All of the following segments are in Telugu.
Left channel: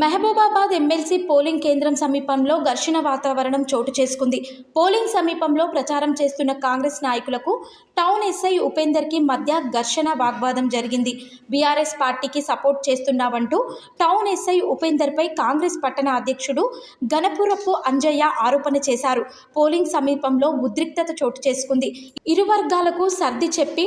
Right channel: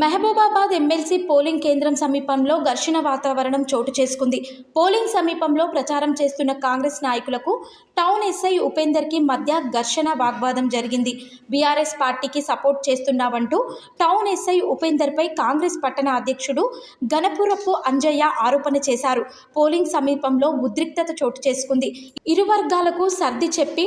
మహబూబాబాద్ ఎమ్మెల్సీ పోలింగ్ కేంద్రం సమీపంలో ఘర్షణ వాతావరణం చోటు చేసుకుంది. పోలింగ్ సమీపంలో ప్రచారం చేస్తున్న కాంగ్రెస్ నాయకులకు టౌన్ ఎస్ఐ ఉపేందర్కి మధ్య ఘర్షణ వాగ్వాదం జరిగింది. బీఆర్ఎస్ పార్టీకి సపోర్ట్ చేస్తున్నావంటూ టౌన్ ఎస్ఐ ఉపేందర్పై కాంగ్రెస్ పట్టణ అధ్యక్షుడు గణపురపు అంజయ్య ఆరోపణ చేశారు. పోలింగ్ సమీపంలో ఉద్రిక్తత చోటు చేసుకుంది. ఇరు వర్గాలకు సర్ది చెప్పి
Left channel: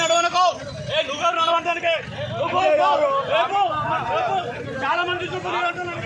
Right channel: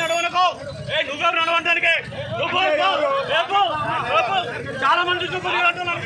నడవనకో. ఏ నడవడానికి నువ్వు చాలా మంది చూపులు అంటున్నారు